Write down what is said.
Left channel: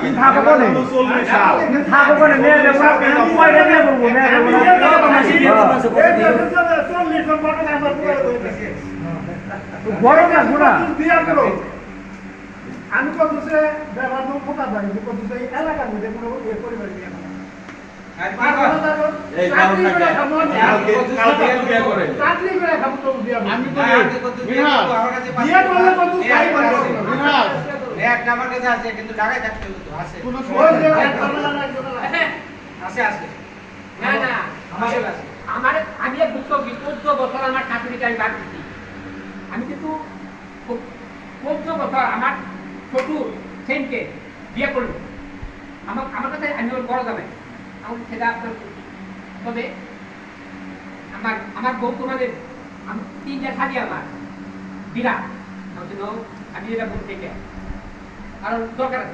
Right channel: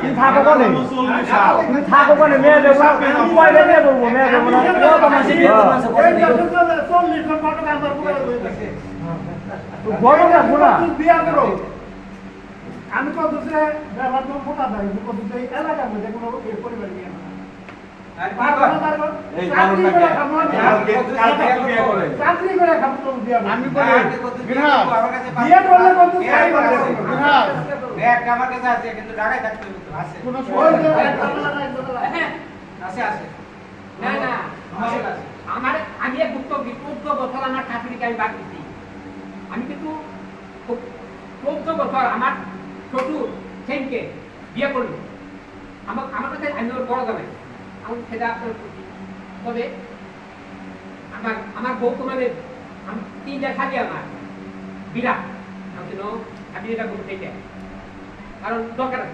তুমি থাকো কোনে তুমি থাকো কোনে মেয়ে দেবো না পয়সা নিয়ে বলবো মেয়ে দেবো না গরম না ঘোরা আমি কত সে ব্যবহার ফোটা যাই কত সে এলাকার মধ্যে কোনো ইয়ে পরিবার নিয়ে আমি 14 বছর আমার শাশুড়িকে আমি বাদ দিচ্ছি আমি কিন্তু 14 বছর আমার শ্বশুর সেনকে বিয়ে করলো আমার কাছে আমি বড় যাবে আমার সেটা আপনার তবে আমার বউ তোমাদের 3টা শাড়ি আমার বিরাট আমি এটা বলতে চাই কারণ দরকার আছে